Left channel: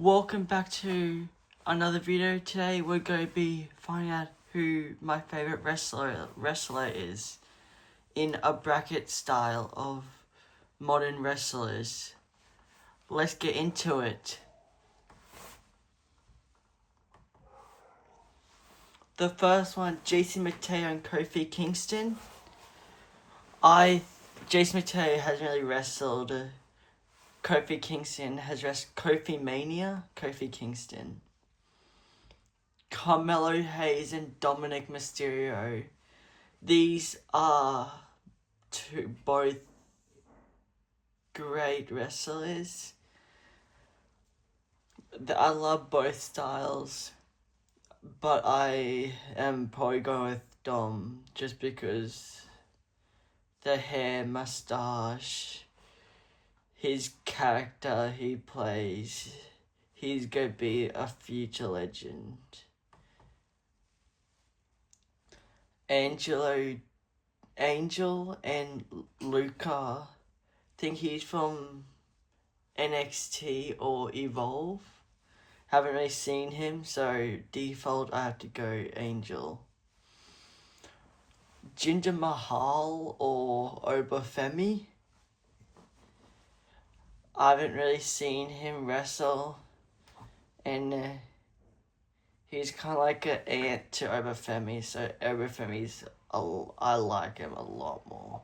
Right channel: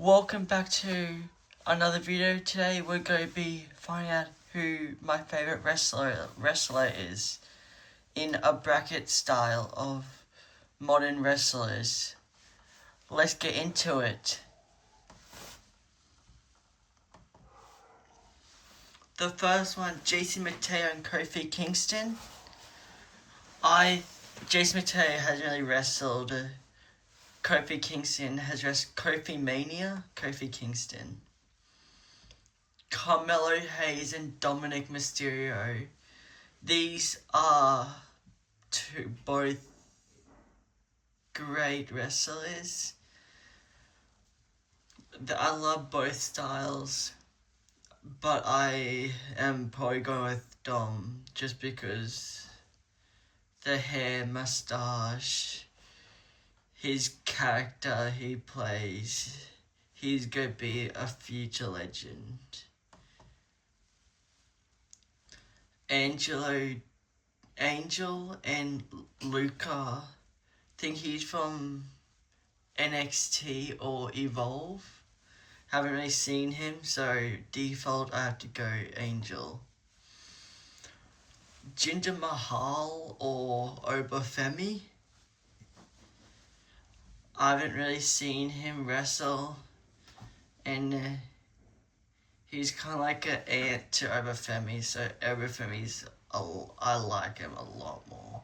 Welcome back to another video. Today we're going to be finding out who my favorite wrestler is in a bracket style of modern wrestlers. Let's get into it. The first one, Jason Mateo and Kofi Kingston. Jason Mateo hasn't really wrestled. Kofi Kingston has wrestled Kofi Kingston. Carmelo Hayes and Dominic Mysterio. These are both great wrestlers. I love both styles, but I am probably going with Dom just because the hair, mustache, his character he plays, he's going to be a future legend. Angel and Luca, I think he's from NXT or Evolve. Haven't really seen him, so default I have to go Angel. Jinder Mahal or Obafemi. I haven't really seen him wrestle, and he's kind of like an aunt to Obafemi, so Obafemi's, I like him a lot more.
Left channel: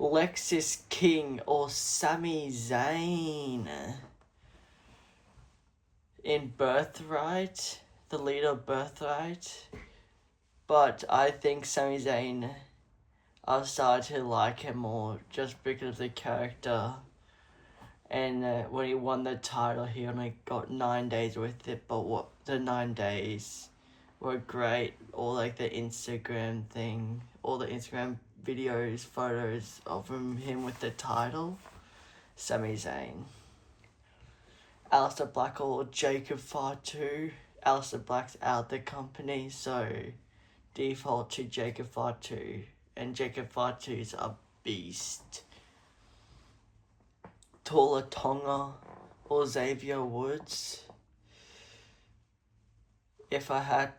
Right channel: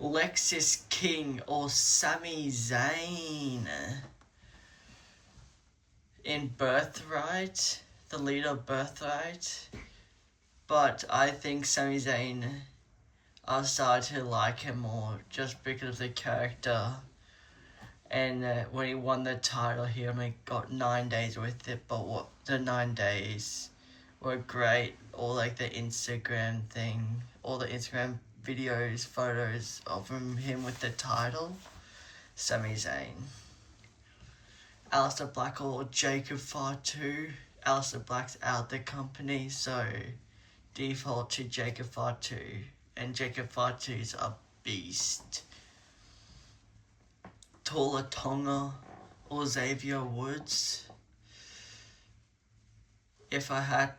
Lexis King or Sami Zayn in Birthright, the leader of Birthright. But I think Sami Zayn, I've started to like him more just because of the character. And when he won the title, he only got 9 days with it, but the 9 days were great. All like the Instagram thing, all the Instagram videos, photos of him with the title. Sami Zayn. Aleister Black or Jacob Fatu. Aleister Black's out the company, so default to Jacob Fatu. And Jacob Fatu's a beast. Tola Tonga or Xavier Woods. If I had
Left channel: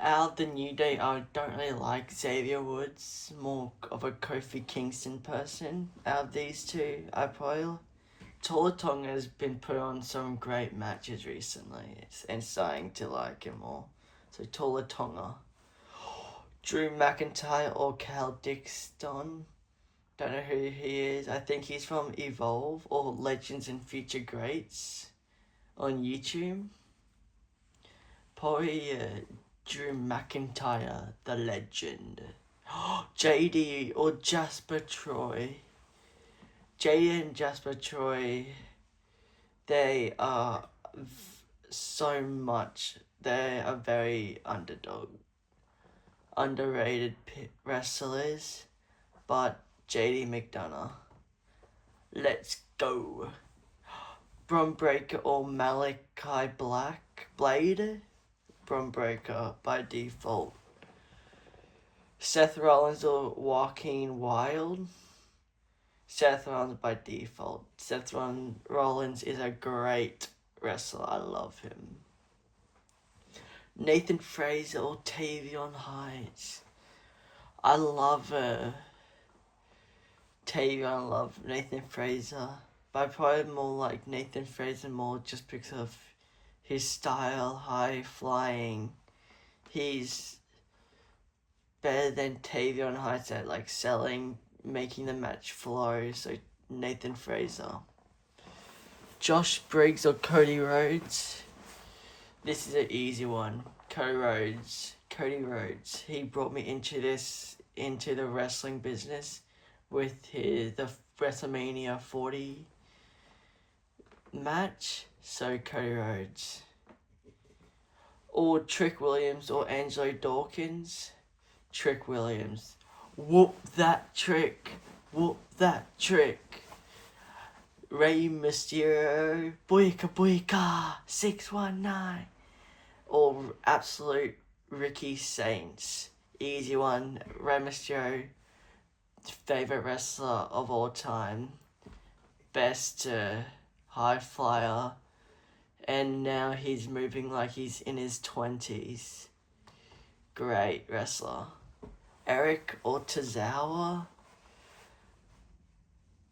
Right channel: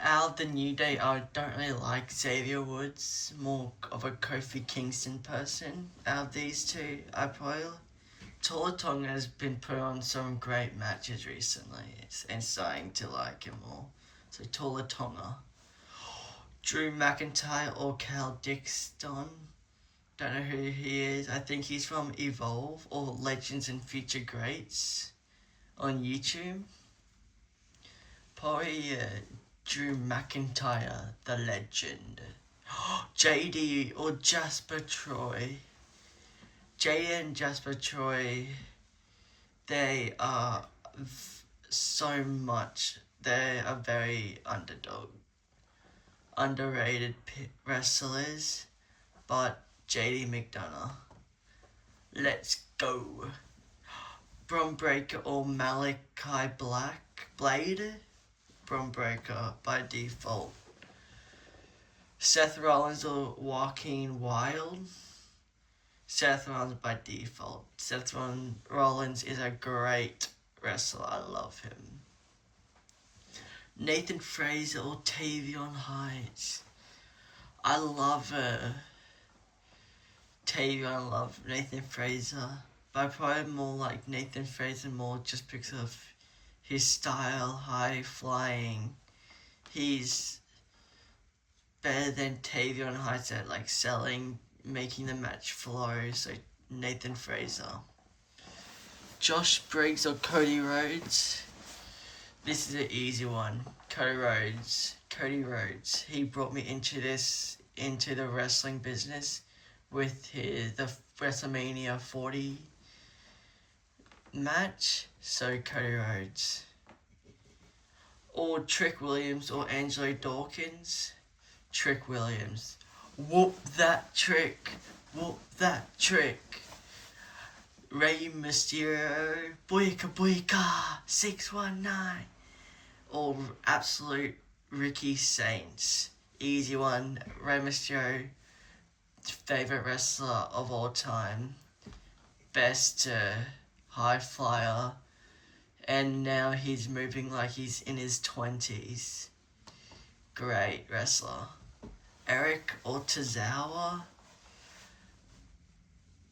out the New Day, I don't really like Xavier Woods. More of a Kofi Kingston person. Out of these two, I probably Tola Tonga has been put on some great matches recently and starting to like him more. So Tola Tonga. Drew McIntyre or Cal Dixon. Don't know who he is. I think he's from Evolve or Legends and Future Greats on YouTube. Probably Drew McIntyre, the legend. JD or Jasper Troy. JD and Jasper Troy, they are they are very underrated wrestlers, but JD McDonough. Let's go. Bron Breakker or Malachi Blade. Bron Breakker by default. Seth Rollins or Joaquin Wilde. Seth Rollins by default. Seth Rollins is a great wrestler. I love him. Nathan Fraser or Tavion Heights. I love Tavion. I love Nathan Fraser. But I probably more like Nathan Fraser more just because of his style, high flying. He's better than Tavion Heights at like selling, making the match flow. So Nathan Fraser. Josh Briggs or Cody Rhodes. This is an easy one. Cody Rhodes. He brought me into the wrestling business with the WrestleMania 40 match. So Cody Rhodes. Or Trick Williams or Angelo Dawkins. Trick Williams. Whoop that trick. Rey Mysterio, Boyka Boyka, 619. Or absolute Ricky Saints. Easy one. Rey Mysterio, favorite wrestler of all time, best high flyer, and now he's moving like he's in his 20s. Great wrestler. Eric Ortizawa,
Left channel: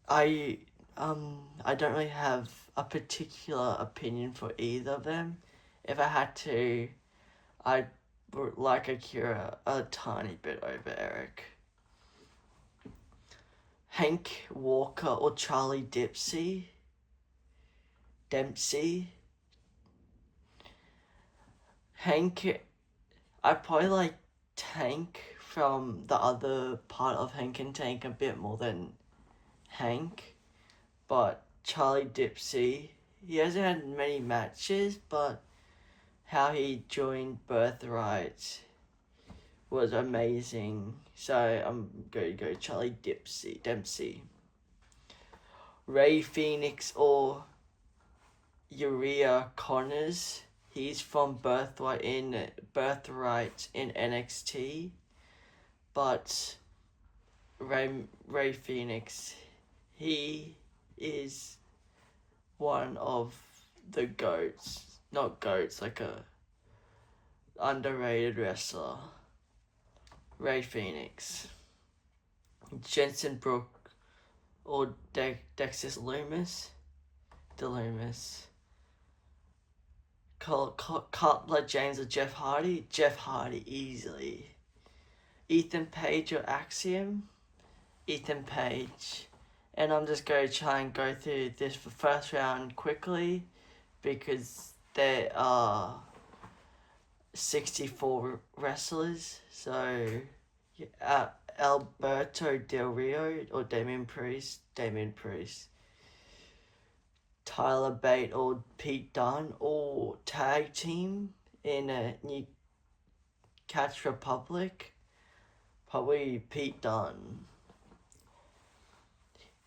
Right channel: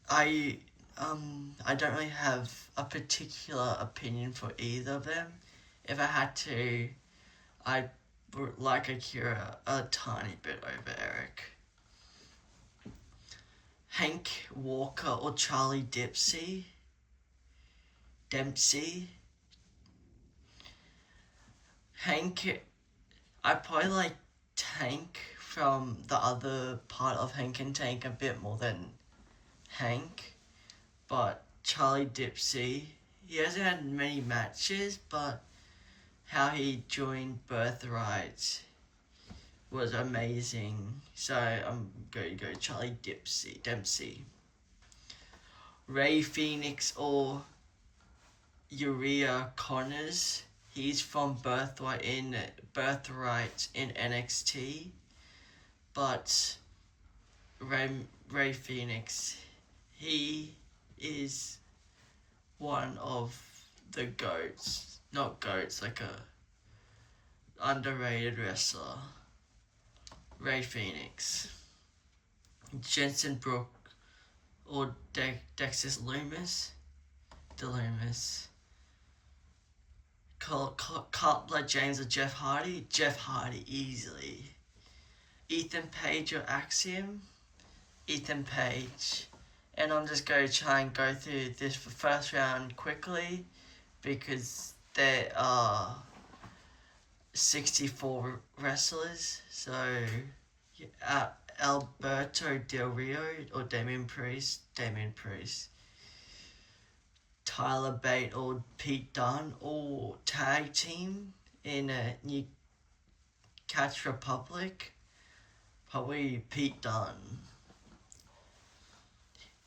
I don't really have a particular opinion for either of them. If I had to, I'd like Akira a tiny bit over Eric. Hank Walker or Charlie Dempsey. Hank, I probably like Tank from the other part of Hank and Tank a bit more than Hank, but Charlie Dempsey, he hasn't had many matches, but how he joined Birthright was amazing. So I'm going to go Charlie Dempsey. Ray Phoenix or Uriah Connors. He's from Birthright in NXT, but Ray Phoenix, he is one of the goats. Not goats, like a underrated wrestler. Ray Phoenix. Jensen Brooke or Dexter Loomis. Cutler James or Jeff Hardy. Jeff Hardy easily. Ethan Page or Axiom. Ethan Page. And I'm just going to try and go through this for first round quickly because there are 64 wrestlers. So Alberto Del Rio or Damian Priest. Tyler Bate or Pete Dunne or tag team in a New Catch Republic. Probably Pete Dunne.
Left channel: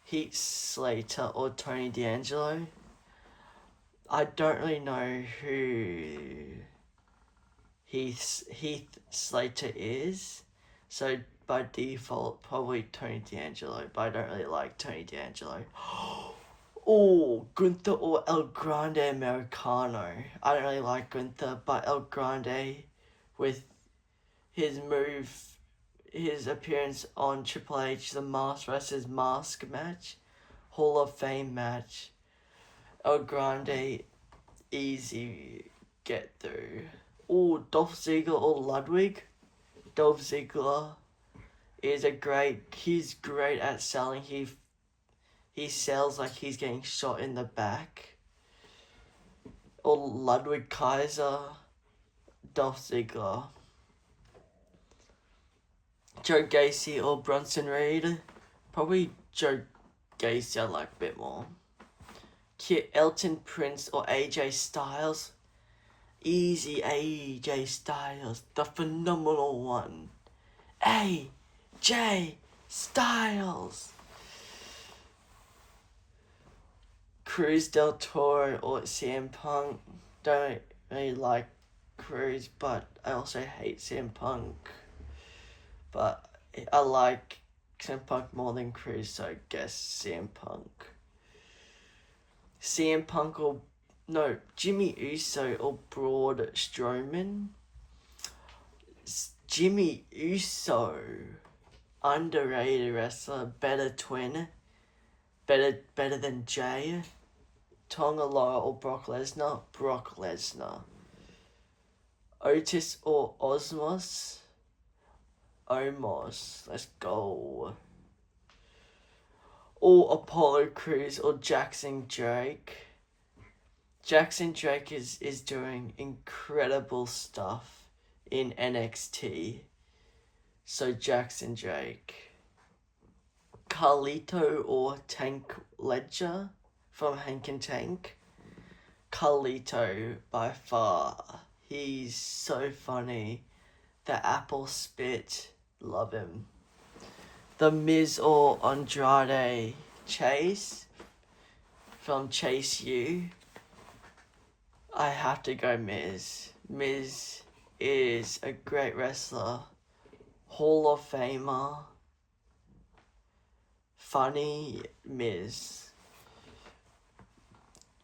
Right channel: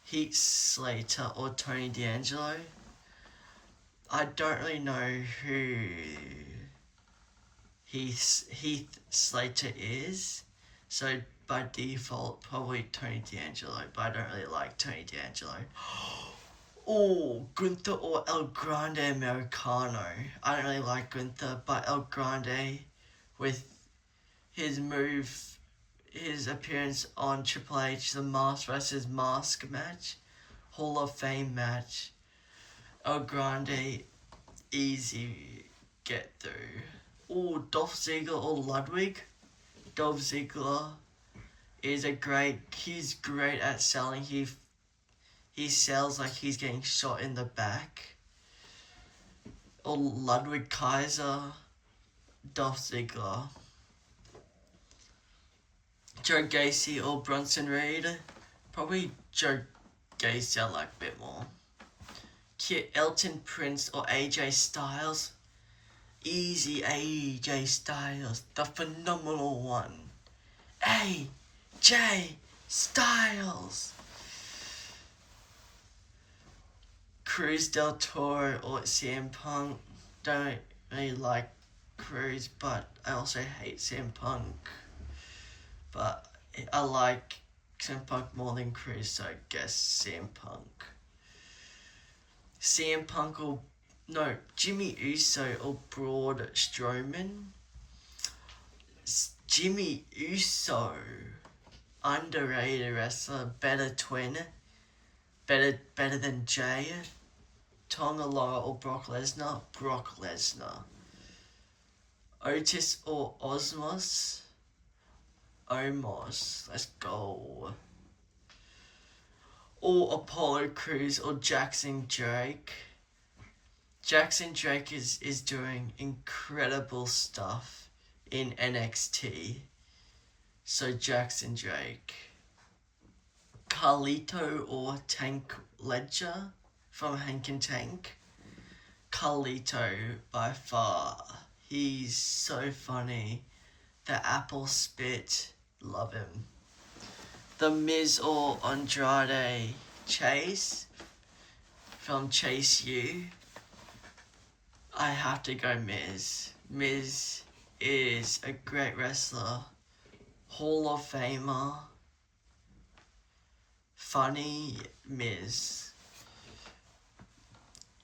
Heath Slater or Tony D'Angelo. I don't really know who Heath Slater is, so by default probably Tony D'Angelo, but I don't really like Tony D'Angelo. Oh, Gunther or El Grande Americano. I don't really like Gunther, but El Grande with his appearance on Triple H, the Mask vs. Mask match, Hall of Fame match. El Grande, easy get through. Oh, Dolph Ziggler or Ludwig. Dolph Ziggler is he's great at selling. He sells like he's getting shot in the back. Or Ludwig Kaiser, Dolph Ziggler. Joe Gacy or Bronson Reed. Probably Joe Gacy I like a bit more. Elton Prince or AJ Styles. Easy AJ Styles, the phenomenal one. AJ Styles. Cruz Del Toro or CM Punk. Don't really like Cruz, but I also hate CM Punk. But I like CM Punk more than Cruz, so I guess CM Punk. CM Punk or Jimmy Uso or Braun Strowman. Jimmy Uso, underrated wrestler, better twin, better than Jay. Tonga Loa or Brock Lesnar. Otis or Omos. Let's go. Or Apollo Crews or Jackson Drake. Jackson Drake is doing incredible stuff in NXT. So Jackson Drake. Carlito or Tank Ledger from Hank and Tank. Carlito by far. He's so funny. The apple spit. Love him. The Miz or Andrade Chase from Chase U. I have to go Miz. Miz is a great wrestler. Hall of Famer. funny Miz.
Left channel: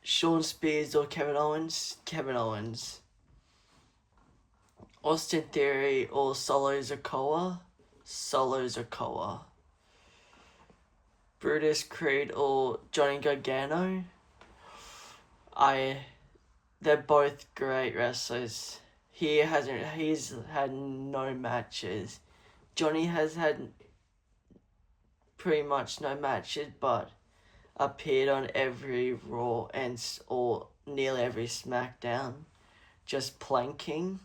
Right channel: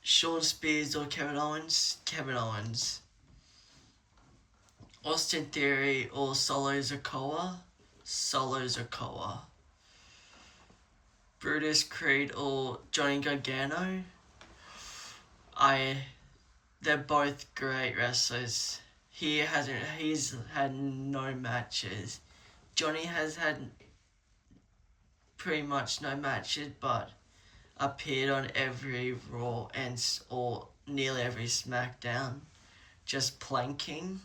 Shawn Spears or Kevin Owens? Kevin Owens. Austin Theory or Solo Sikoa? Solo Sikoa. Brutus Creed or Johnny Gargano? They're both great wrestlers. He's had no matches. Johnny has had pretty much no matches, but appeared on every Raw or nearly every SmackDown, just planking,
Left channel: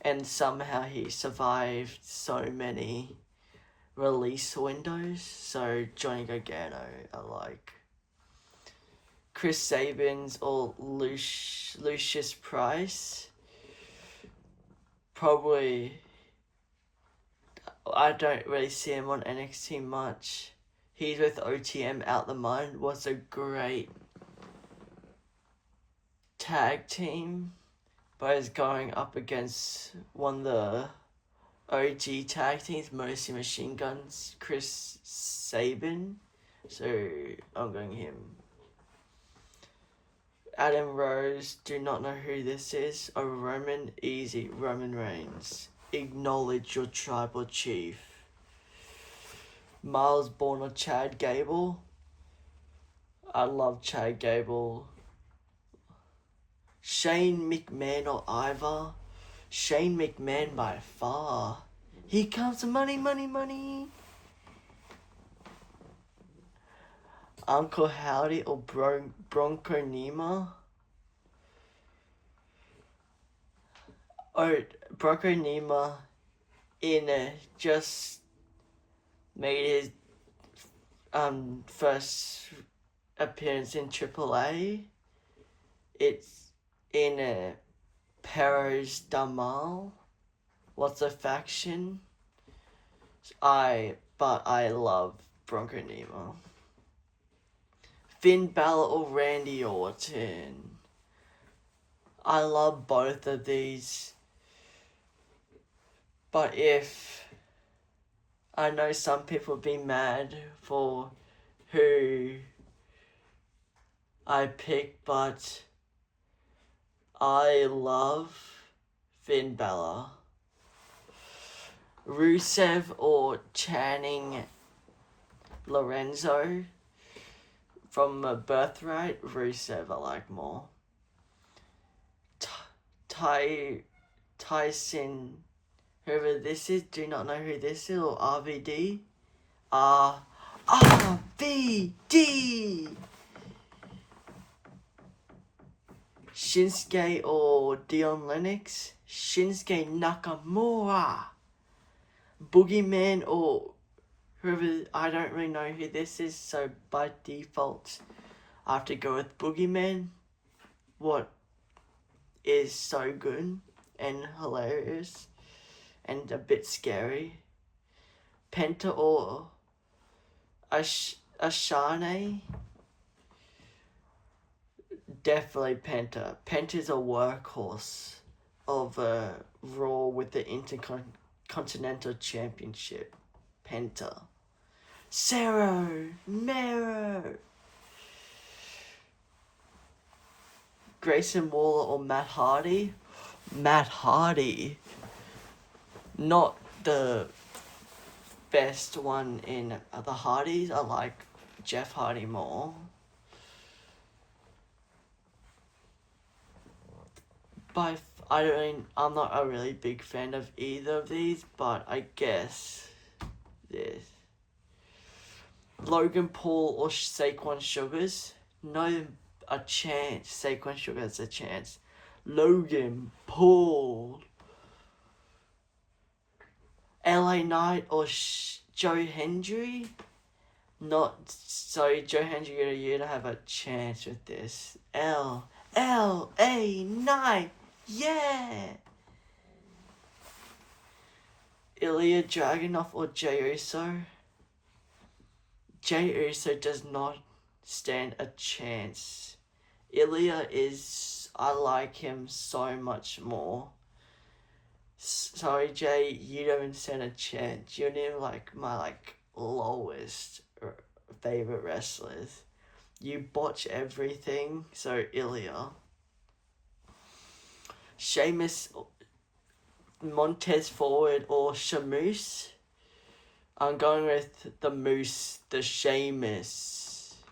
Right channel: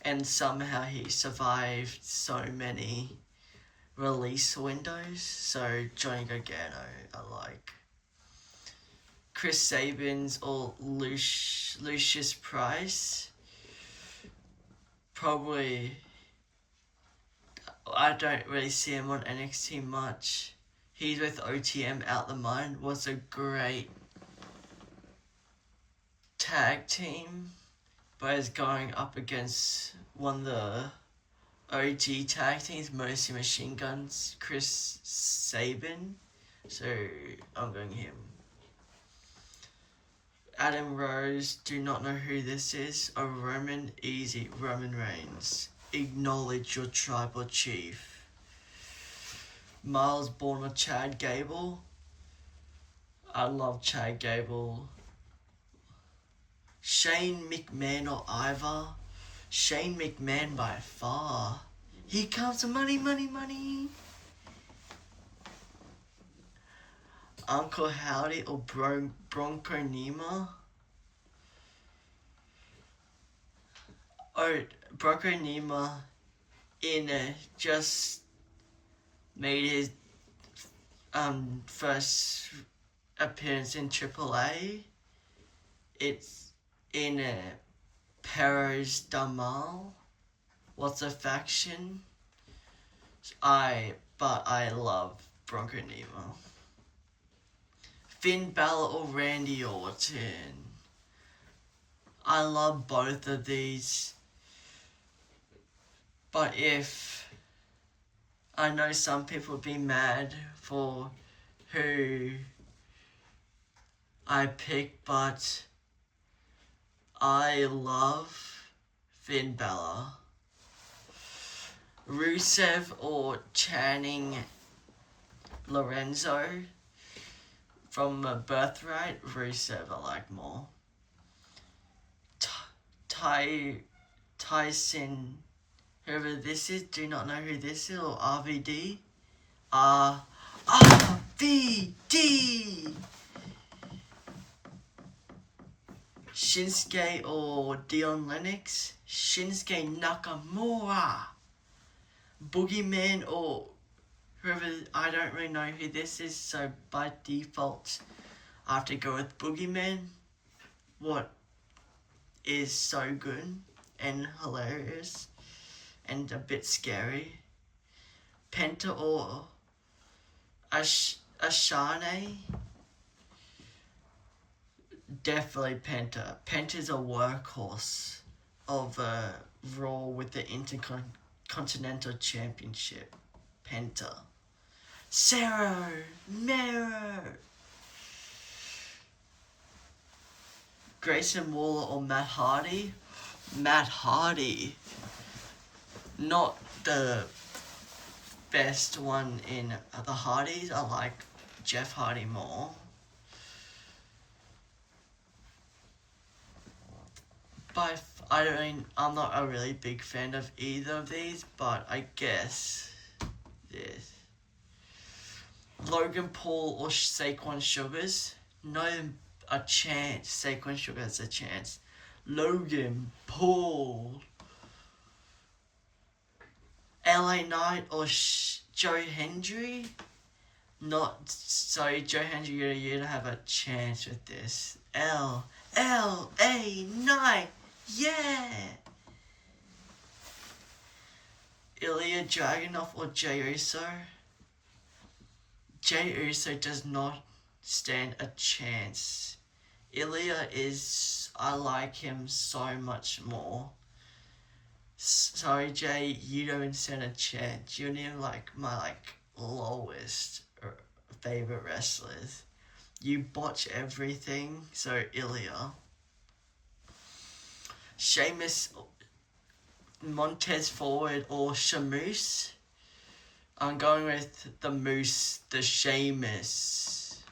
and somehow he survived so many release windows. So Johnny Gargano, I like. Chris Sabins or Lucius Price. Probably, I don't really see him on NXT much. He's with OTM Out the Mind. Was a great tag team, but is going up against one of the OG tag teams, mostly Machine Guns, Chris Sabin. So I'm going him. Adam Rose, do not know who this is. Oh, Roman, easy. Roman Reigns. Acknowledge your tribal chief. Miles Bourne or Chad Gable. I love Chad Gable. Shane McMahon or Ivar. Shane McMahon by far. Here comes the money, money, money. Uncle Howdy or Bronco Nima. Oh, Bronco Nima just made his first appearance in AAA. It's in Perros Damal. What's a faction? But I love Bronco Nima. Finn Balor or Randy Orton. I love both of these. But I know some people be mad for who I pick, but I love Finn Balor. Rusev or Channing Lorenzo. From Birthright, Rusev I like more. Tyson, whoever this is, do not know who this is, or RVD. RVD! Shinsuke or Dion Lennox. Shinsuke Nakamura. Boogeyman or whoever, I don't really know who this is, so by default I have to go with Boogeyman. What is so good and hilarious and a bit scary. Penta or Ashane. Definitely Penta. Penta's a workhorse of Raw with the Intercontinental Championship. Penta. Cerro Mero. Grayson Waller or Matt Hardy. Matt Hardy. Not the best one in the Hardys. I like Jeff Hardy more. But I'm not a really big fan of either of these, but I guess this. Logan Paul or Saquon Sugars? No, a chance. Saquon Sugars a chance. Logan Paul. LA Knight or Joe Hendry? Not so. Joe Hendry, you don't have a chance with this. LA Knight. Yeah. Ilya Dragunov or Jey Uso? Jey Uso does not stand a chance. Ilya I like him so much more. Sorry, Jay, you don't stand a chance. You're near my lowest favorite wrestlers. You botch everything, so Ilya. Sheamus, Montez Ford, or Shamoose? I'm going with the Moose, the Sheamus.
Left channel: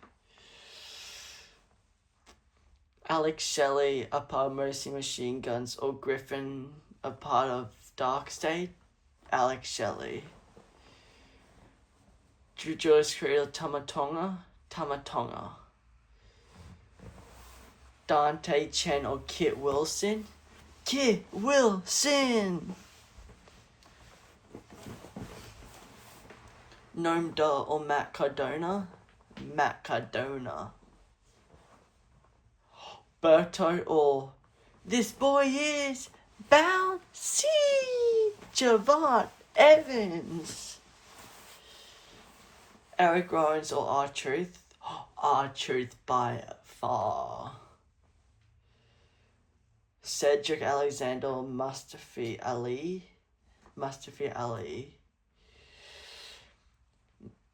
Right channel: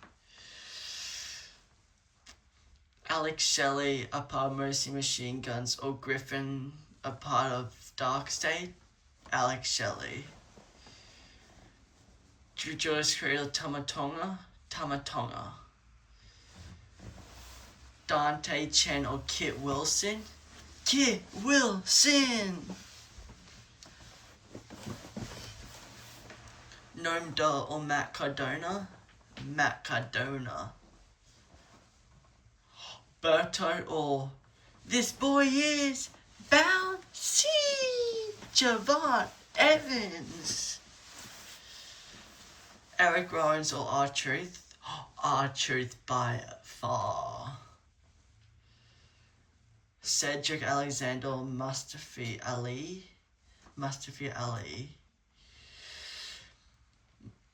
Alex Shelley, a part of Mercy Machine Guns, or Griffin, a part of Dark State? Alex Shelley. Judas Creole, Tamatonga? Tamatonga. Dante Chen or Kit Wilson? Kit Wilson! Noam Dar or Matt Cardona? Matt Cardona. Berto or This Boy Is Bouncy! Javon Evans. Eric Rollins or R-Truth? R-Truth by far. Cedric Alexander or Mustafa Ali? Mustafa Ali.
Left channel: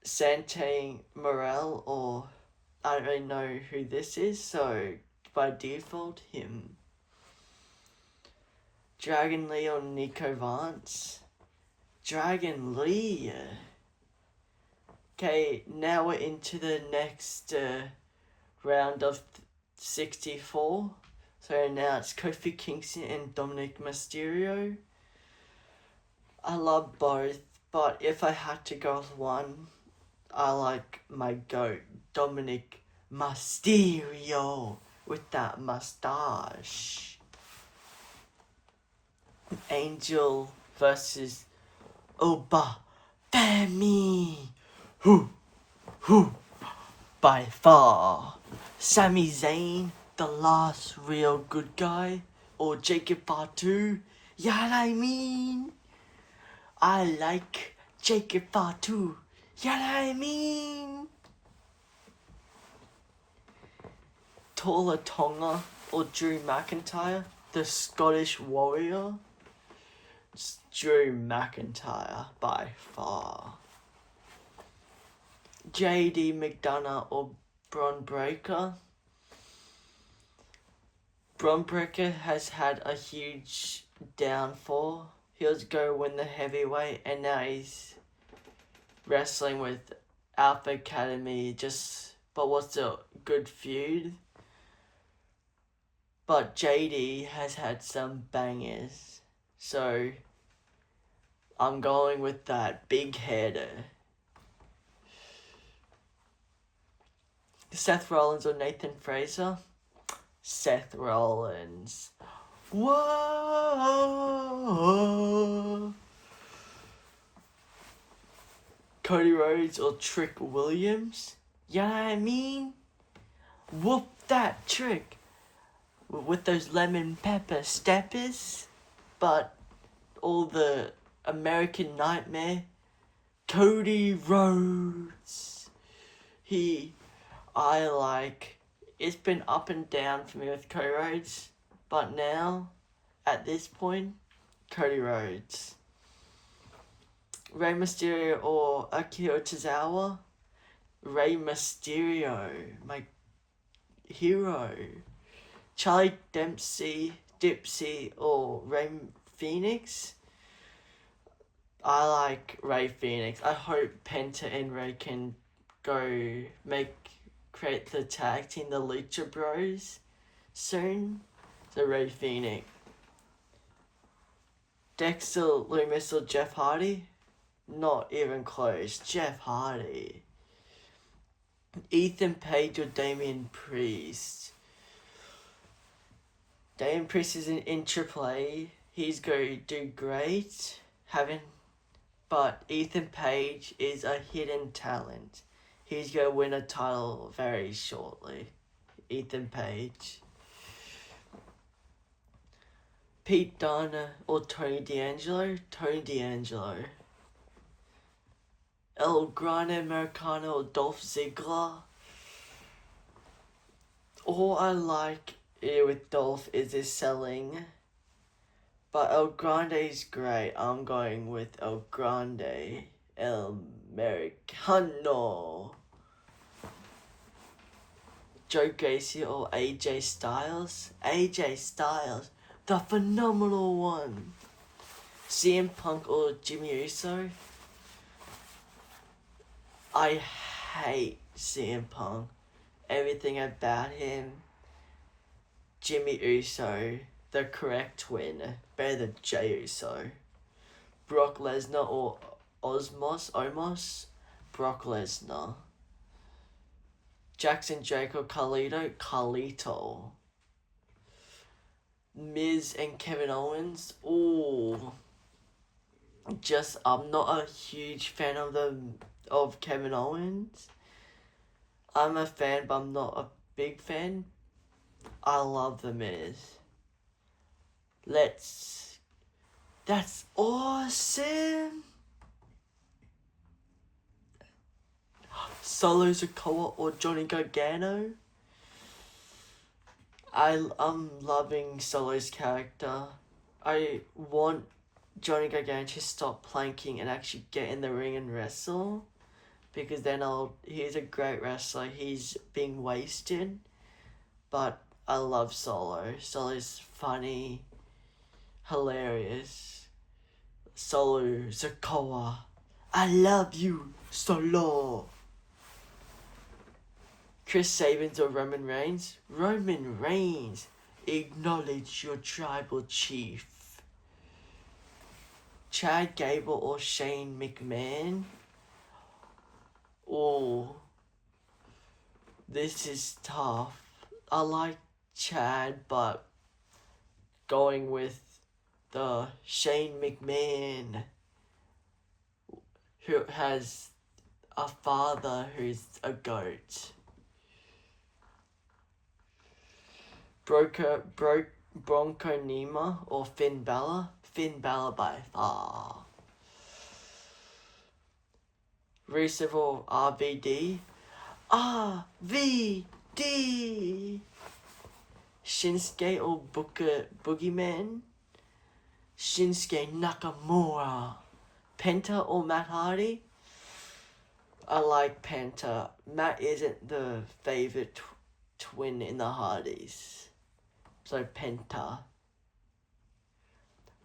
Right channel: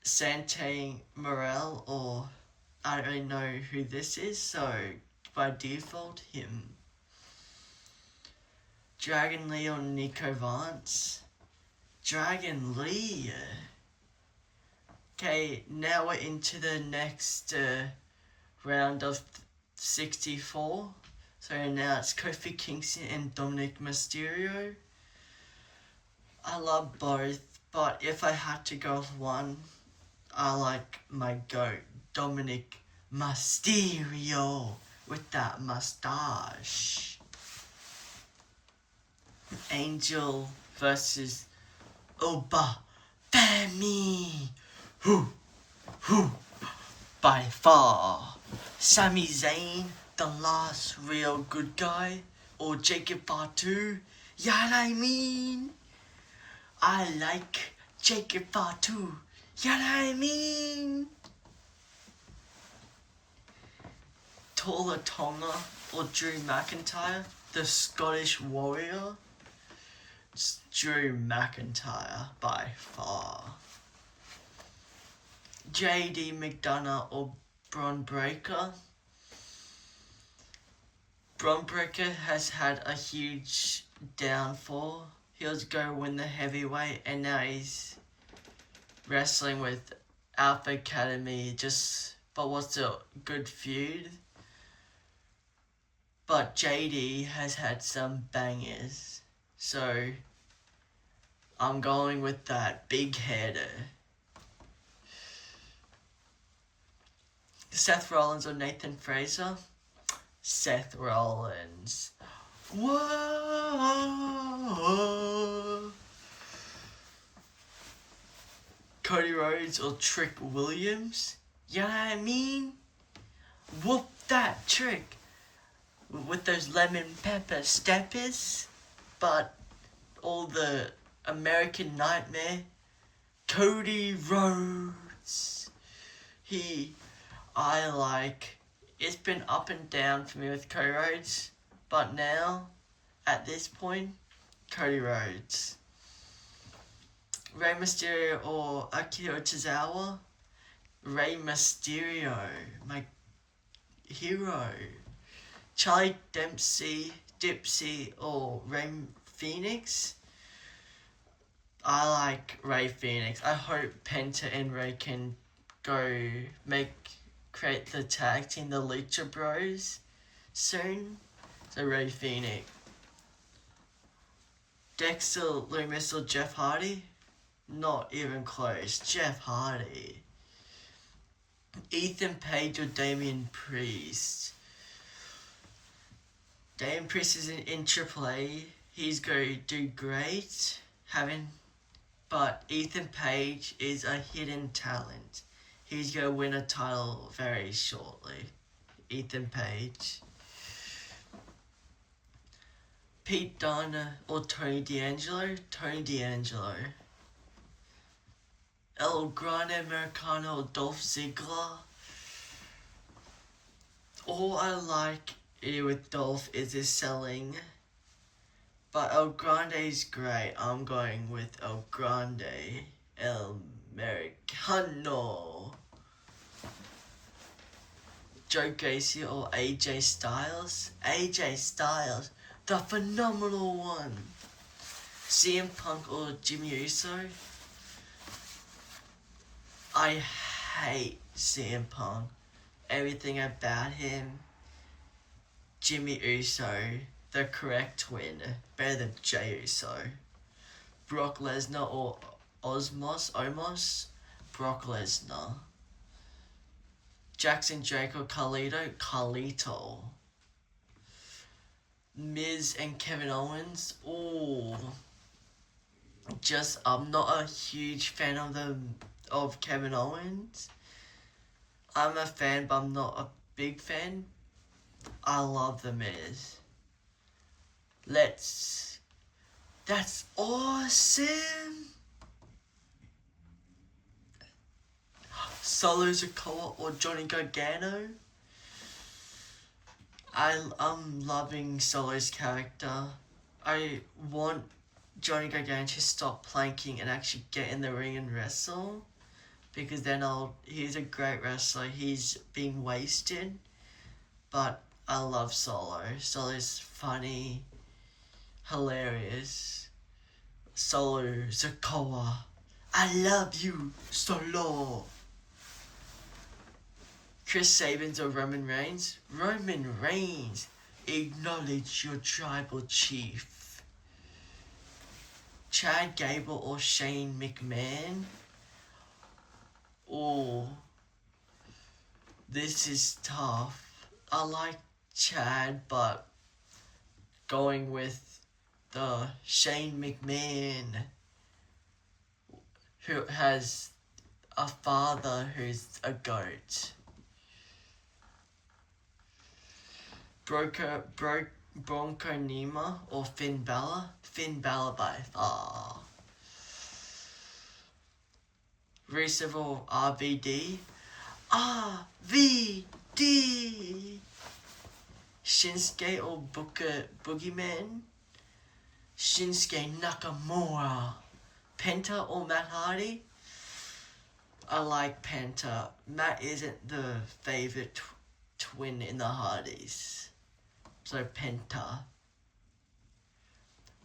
Sante Morel or I don't know who this is, so by default, him. Dragon Lee or Nico Vance? Dragon Lee. Okay, now we're into the next round of 64. So now it's Kofi Kingston and Dominic Mysterio. I love both, but if I had to go with one, I like my GOAT, Dominic Mysterio, with that mustache. Angel versus Oba Femi. Who, by far. Sami Zayn, the last real good guy, or Jacob Fatu. Yeah, I mean, I like Jacob Fatu. Yeah, I mean. Tola Tonga or Drew McIntyre, the Scottish Warrior. It's Drew McIntyre by far. JD McDonough or Bron Breakker. Bron Breakker has had a huge downfall. He was going to win the heavyweight and now he's wrestling with Alpha Academy, but what's a good feud? But JD has had some bangers, so I'm going with that big header. Seth Rollins or Nathan Fraser? Seth Rollins. Whoa! Cody Rhodes or Trick Williams? Yeah, I mean, whoop that trick with those lemon pepper steppers, but all the American Nightmare, Cody Rhodes. It's been up and down for me with Cody Rhodes, but now, at this point, Cody Rhodes. Rey Mysterio or Akira Tozawa? Rey Mysterio, my hero. Charlie Dipsy or Rey Phoenix? I like Rey Phoenix. I hope Penta and Rey can create the tag team, the Lucha Bros, soon. So Rey Phoenix. Dexter Lumis or Jeff Hardy? Not even close. Jeff Hardy. Ethan Page or Damian Priest? Damian Priest is in AAA. He's going to do great. But Ethan Page is a hidden talent. He's going to win a title very shortly. Ethan Page. Pete Dunne or Tony D'Angelo? Tony D'Angelo. El Grande Americano or Dolph Ziggler? All I like here with Dolph is his selling. But El Grande is great. I'm going with El Grande. El Americano. Joe Gacy or AJ Styles. AJ Styles, the phenomenal one. CM Punk or Jimmy Uso. I hate CM Punk. Everything about him. Jimmy Uso, the correct twin. Better than Jey Uso. Brock Lesnar or Omos. Brock Lesnar. Jackson Jake or Carlito. Miz and Kevin Owens. Ooh. I'm not a huge fan of Kevin Owens. I'm a fan, but I'm not a big fan. I love the Miz. That's awesome. Solo Sikoa or Johnny Gargano. I'm loving Solo's character. I want Johnny Gargano to stop planking and actually get in the ring and wrestle, because then he's a great wrestler. He's being wasted, but I love Solo. Solo's funny, hilarious. Solo Sikoa, I love you, Solo. Chris Sabin or Roman Reigns. Roman Reigns, acknowledge your tribal chief. Chad Gable or Shane McMahon. Oh, this is tough. I like Chad, but going with the Shane McMahon, who has a father who's a goat. Bronco Nima or Finn Balor. Finn Balor by far. Rusev or RVD. RVD. Shinsuke or Boogeyman. Shinsuke Nakamura. Penta or Matt Hardy. I like Penta. Matt isn't the favorite twin in the Hardys. So Penta.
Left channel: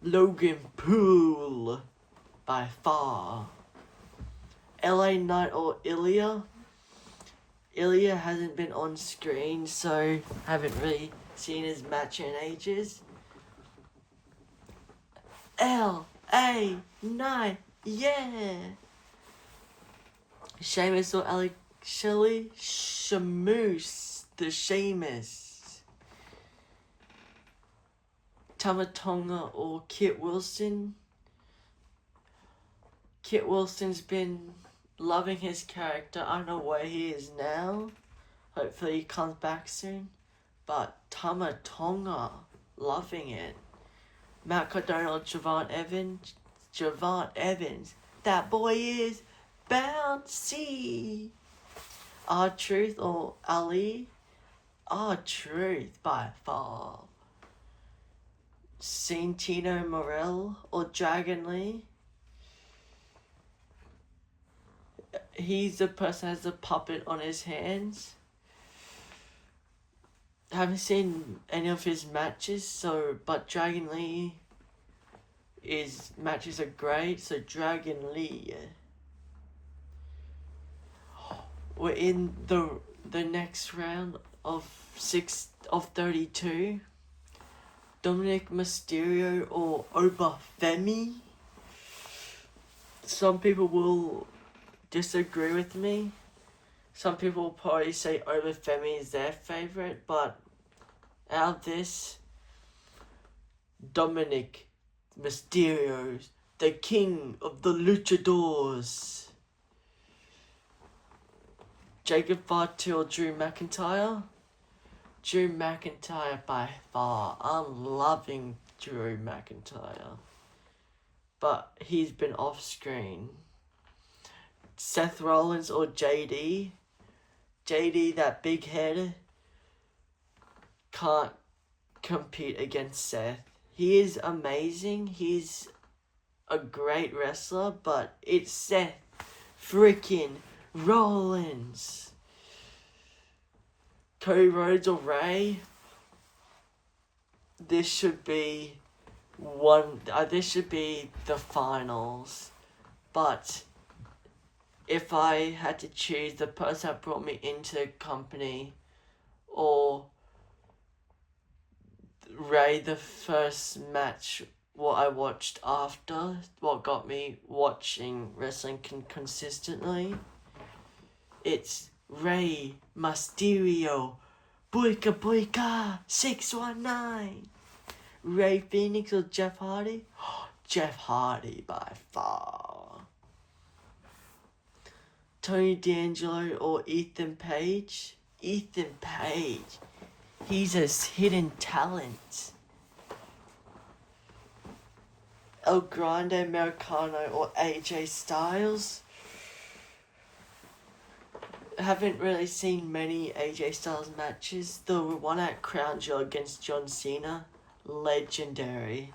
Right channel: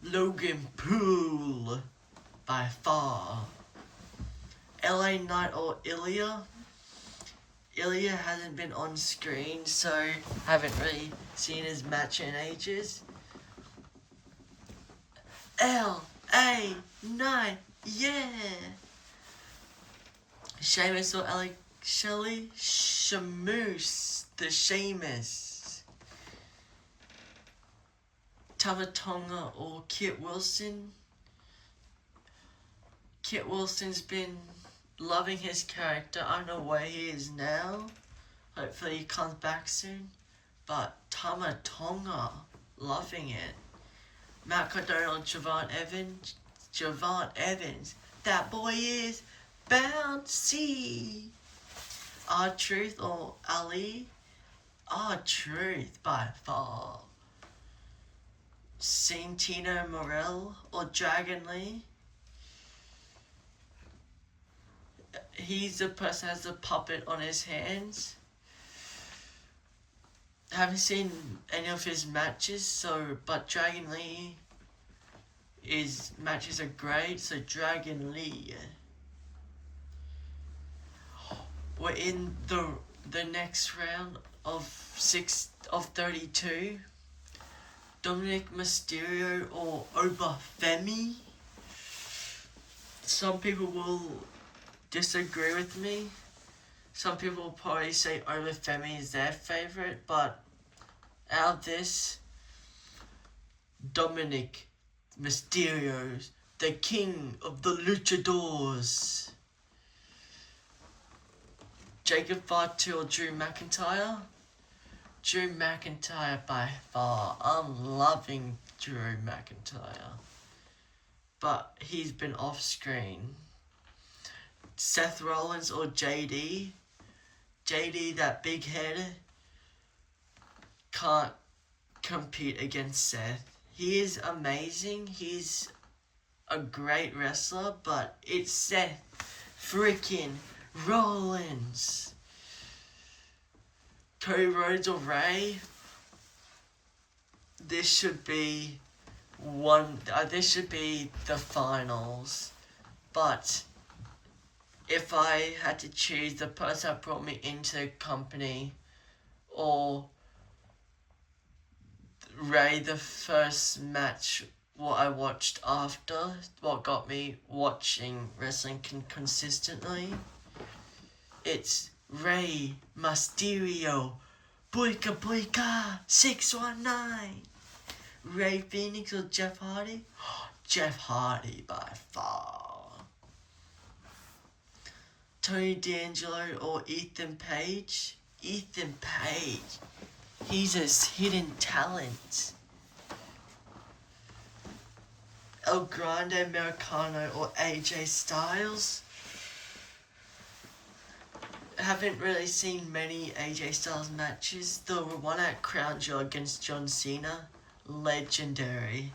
Logan Paul by far. LA Knight or Ilya. Ilya hasn't been on screen, so haven't really seen his match in ages. LA Knight, yeah. Sheamus or Alex Shelley. Shamoose, the Sheamus. Tamatonga or Kit Wilson. Kit Wilson's been loving his character. I don't know where he is now. Hopefully he comes back soon. But Tamatonga, loving it. Matt Cardona or Javon Evans. Javon Evans, that boy is bouncy. R-Truth or Ali. R-Truth by far. Santino Morel or Dragon Lee. He's the person who has a puppet on his hands. I haven't seen any of his matches, but Dragon Lee, his matches are great, so Dragon Lee. We're in the next round of 32. Dominic Mysterio or Obafemi. Some people will disagree with me. Some people will probably say Obafemi is their favorite, but out of this, Dominic Mysterio, the king of the luchadors. Jacob Fatu or Drew McIntyre. Drew McIntyre by far. I'm loving Drew McIntyre, but he's been off screen. Seth Rollins or JD. JD, that big head, can't compete against Seth. He is amazing. He's a great wrestler, but it's Seth freaking Rollins. Cody Rhodes or Ray. This should be this should be the finals. But if I had to choose the person that brought me into the company or Ray, the first match what I watched after, what got me watching wrestling consistently, it's Ray Mysterio, Boyka Boyka 619. Ray Phoenix or Jeff Hardy? Jeff Hardy by far. Tony D'Angelo or Ethan Page? Ethan Page. He's a hidden talent. El Grande Americano or AJ Styles? I haven't really seen many AJ Styles matches. The one at Crown Jewel against John Cena, legendary.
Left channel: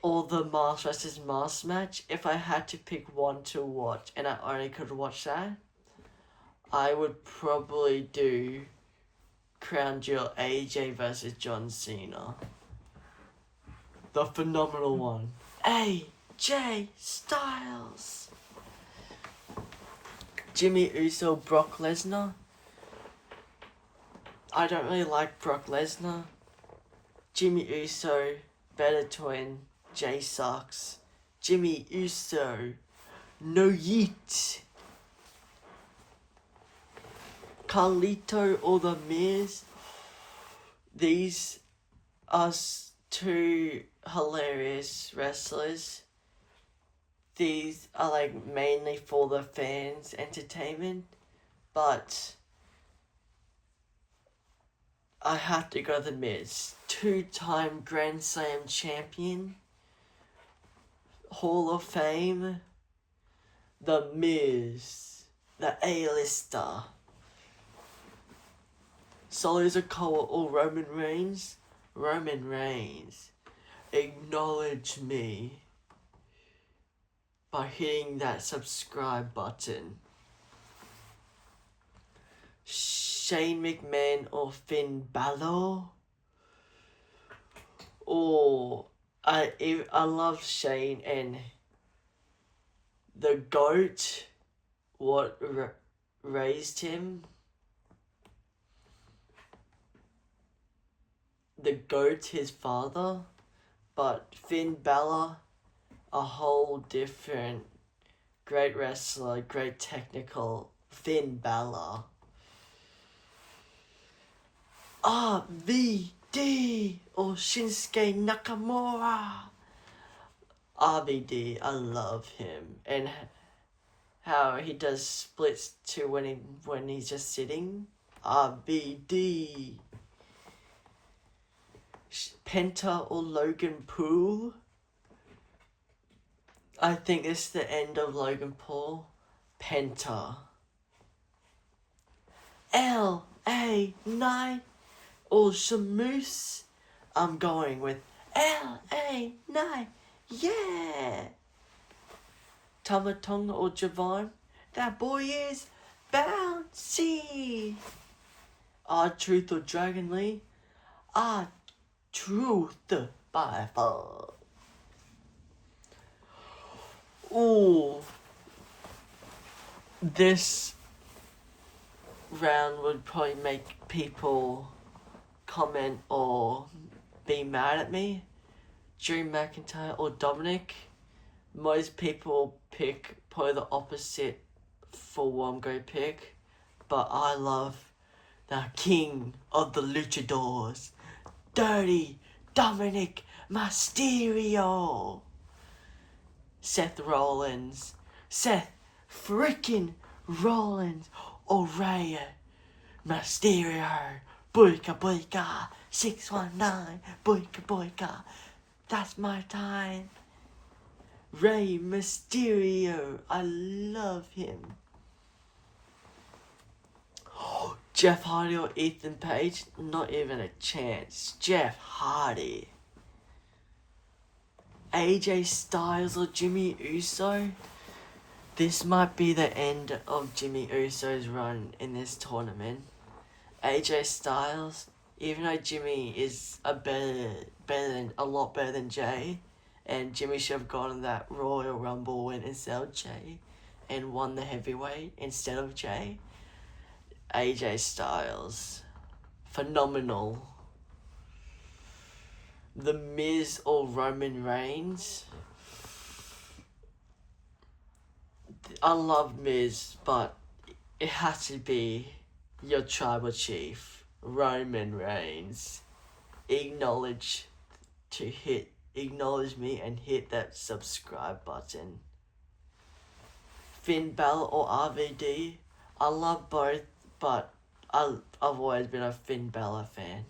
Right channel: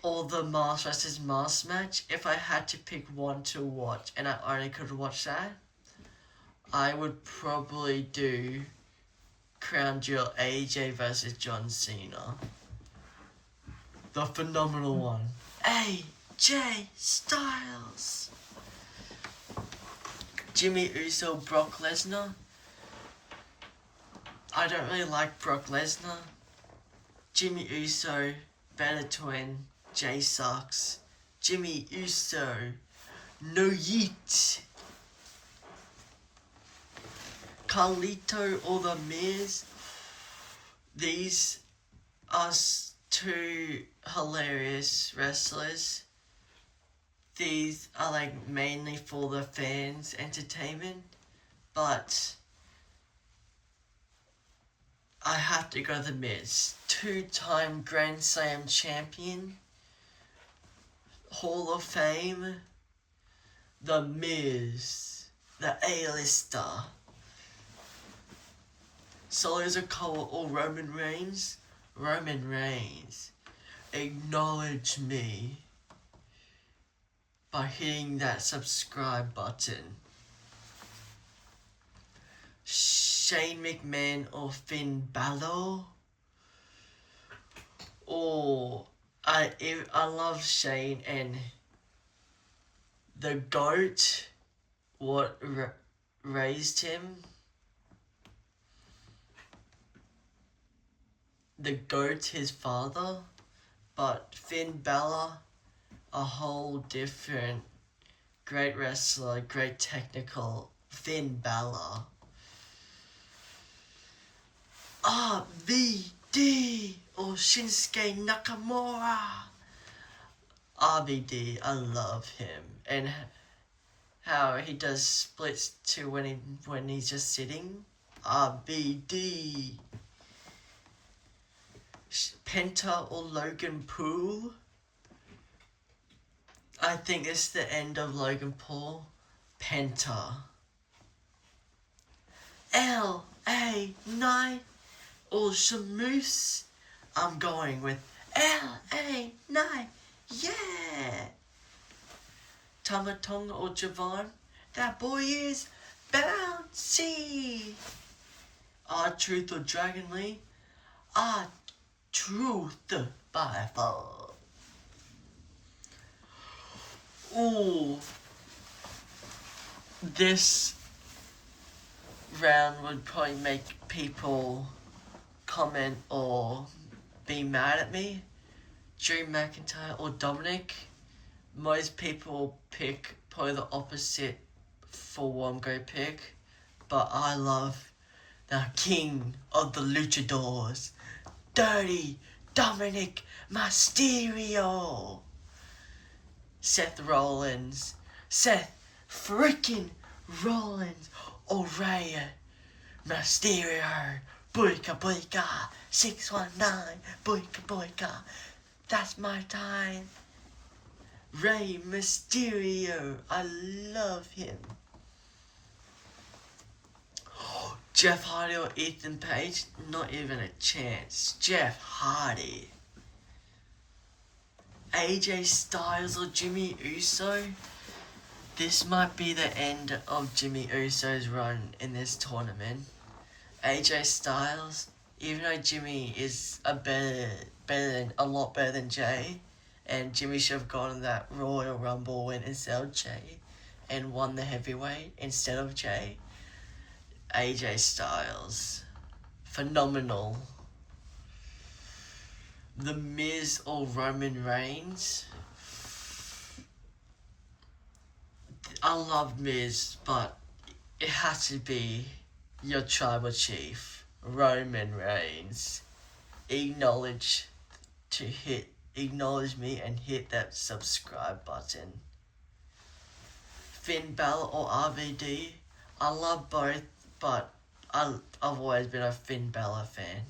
Or the Mask vs. Mask match. If I had to pick one to watch and I only could watch that, I would probably do Crown Jewel AJ versus John Cena. The phenomenal one. AJ Styles. Jimmy Uso, Brock Lesnar. I don't really like Brock Lesnar. Jimmy Uso, better twin. Jay sucks. Jimmy Uso, no yeet. Carlito or The Miz. These are two hilarious wrestlers. These are like mainly for the fans' entertainment, but I have to go The Miz. 2-time Grand Slam champion, Hall of Fame, The Miz, the A-lister. Solo Sikoa or Roman Reigns? Roman Reigns. Acknowledge me by hitting that subscribe button. Shane McMahon or Finn Balor? Or I love Shane and the GOAT, what raised him. The GOAT, his father, but Finn Balor, a whole different great wrestler, great technical Finn Balor. RVD or Shinsuke Nakamura. RVD, I love him, and how he does splits too when he's just sitting. RVD. Penta or Logan Paul? I think this is the end of Logan Paul. Penta. LA Knight or Shamoose? I'm going with LA Knight. Yeah. Tama Tonga or Javon? That boy is bouncy. R-Truth or Dragon Lee? R-Truth by far. Ooh. This round would probably make people comment or be mad at me. Drew McIntyre or Dominic? Most people pick probably the opposite for what I'm going to pick. But I love the king of the luchadors, Dirty Dominic Mysterio. Seth Rollins. Seth freaking Rollins or Rey Mysterio. Boyka boyka 619. Boyka boyka. That's my time. Rey Mysterio. I love him. Jeff Hardy or Ethan Page? Not even a chance. Jeff Hardy. AJ Styles or Jimmy Uso? This might be the end of Jimmy Uso's run in this tournament. AJ Styles, even though Jimmy is a lot better than Jay, and Jimmy should have gotten that Royal Rumble win instead of Jay, and won the heavyweight instead of Jay. AJ Styles, phenomenal. The Miz or Roman Reigns. I love Miz, but it has to be your tribal chief, Roman Reigns. Acknowledge me and hit that subscribe button. Finn Balor or RVD. I love both, but I've always been a Finn Balor fan.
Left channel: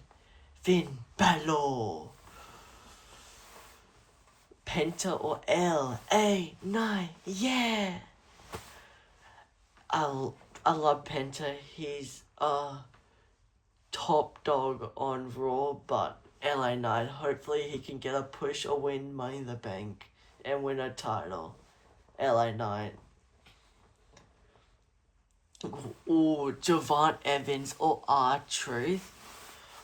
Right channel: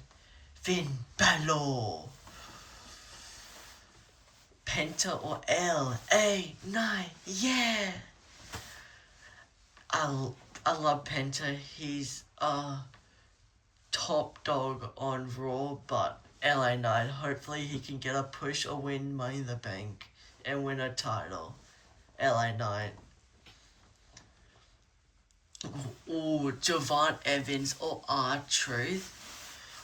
Finn Balor. Penta or LA9, yeah. I love Penta. He's a top dog on Raw, but LA9, hopefully he can get a push or win Money in the Bank and win a title. LA9. Ooh, Javon Evans or R-Truth.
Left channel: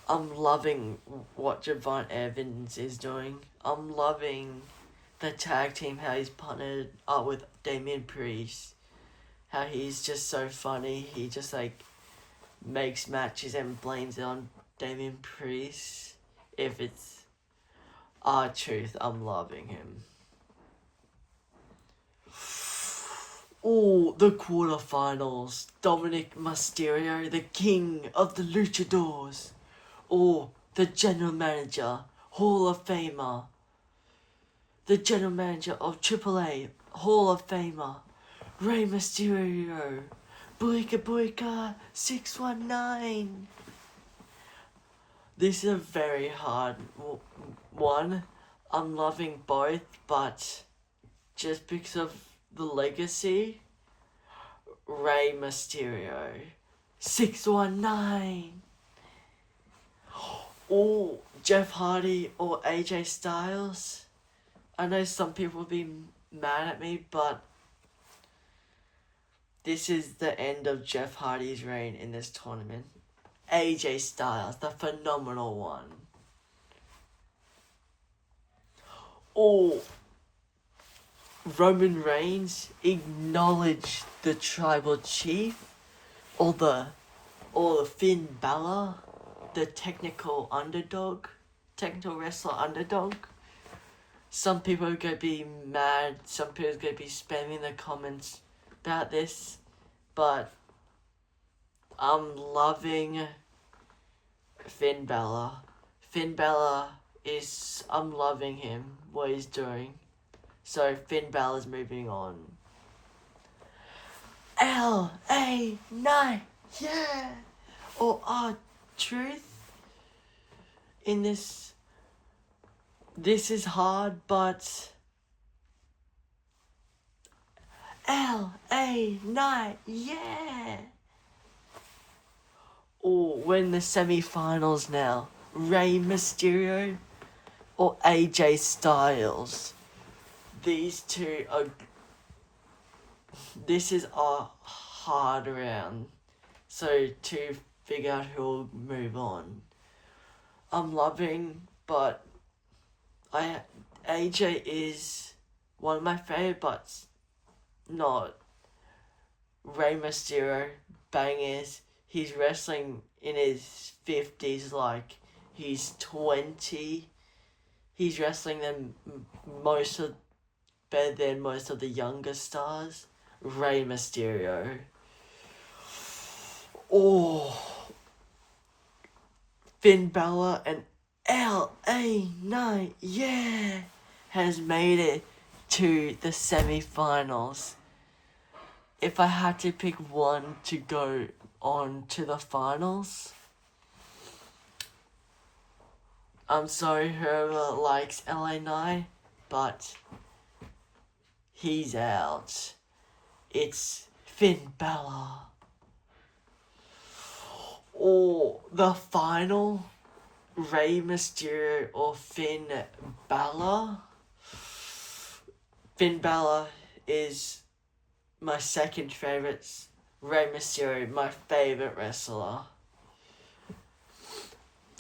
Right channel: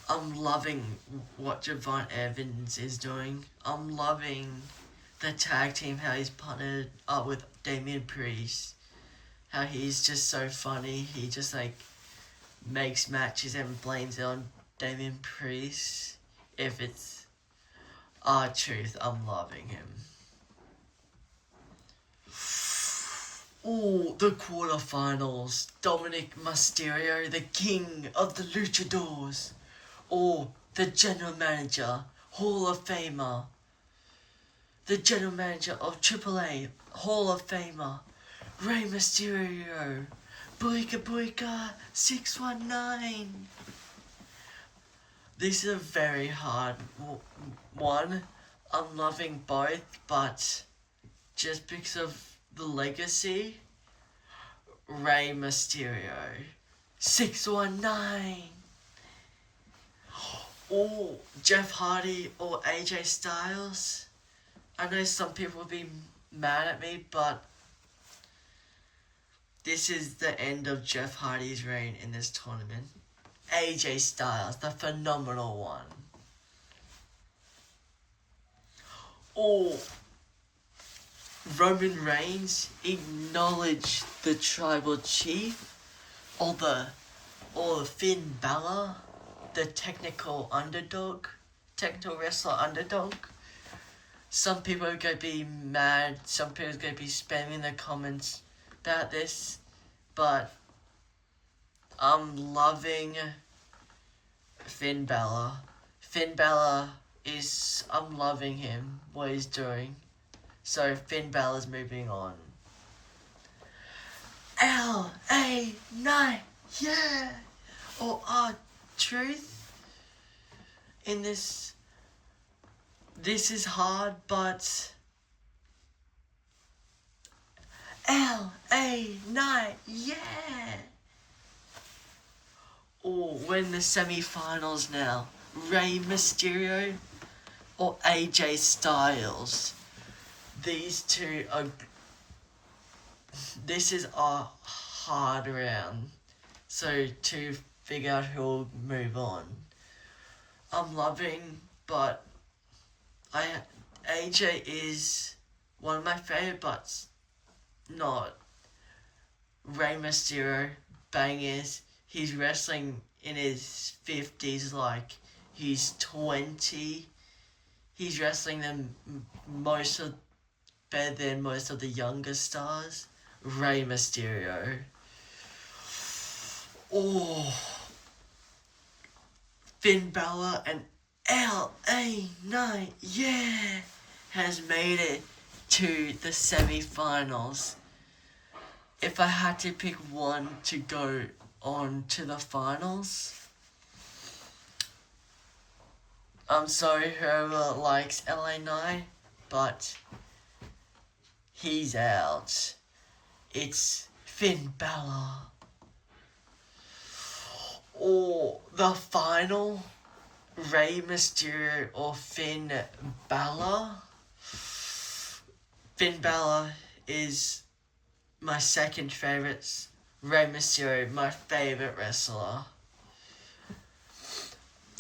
I'm loving what Javon Evans is doing. I'm loving the tag team, how he's partnered up with Damian Priest. How he's just so funny. He just makes matches and blames it on Damian Priest. If it's R-Truth, I'm loving him. Oh, the quarterfinals. Dominic Mysterio, the king of the luchadors. Or the general manager, Hall of Famer. The general manager of AAA, Hall of Famer, Rey Mysterio. Boyka Boyka 619. This is a very hard one. I'm loving both, but just because of the legacy, Rey Mysterio 619. Or Jeff Hardy or AJ Styles. I know some people will be mad at me, but this is the end of Jeff Hardy's reign in this tournament. AJ Styles, the phenomenal one. Or Roman Reigns, acknowledge the tribal chief. Or the Finn Balor, the technical wrestler underdog. Some people are going to be mad, some people are going to be spamming the comments about this, but I'm loving Finn Balor. Finn Balor I'm loving him, what he's doing. So Finn Balor's moving on. LA9, yeah! Or R-Truth in this. This is hard, but LA9, yeah! Or we're in the semi-finals now. Rey Mysterio or AJ Styles. These two are. This is a hard round. So to figure out who will move on. I'm loving, but AJ is one of my favorite, but not. Rey Mysterio, bangers. He's wrestling in his 50s like he's 20. He's wrestling them better than most of the younger stars. Rey Mysterio. Oh, Finn Balor and LA9, yeah, has made it to the semi-finals. If I had to pick one to go on to the finals, I'm sorry whoever likes LA9, but he's out. It's Finn Balor. Or the final, Rey Mysterio or Finn Balor. Finn Balor is my second favourite. Rey Mysterio, my favourite wrestler.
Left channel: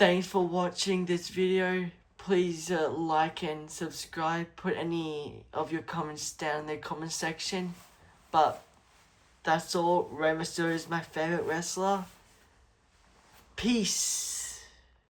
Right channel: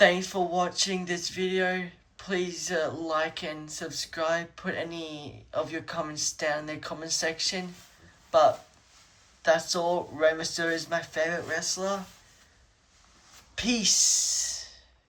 Thanks for watching this video. Please like and subscribe. Put any of your comments down in the comment section. But that's all. Rey Mysterio is my favorite wrestler. Peace.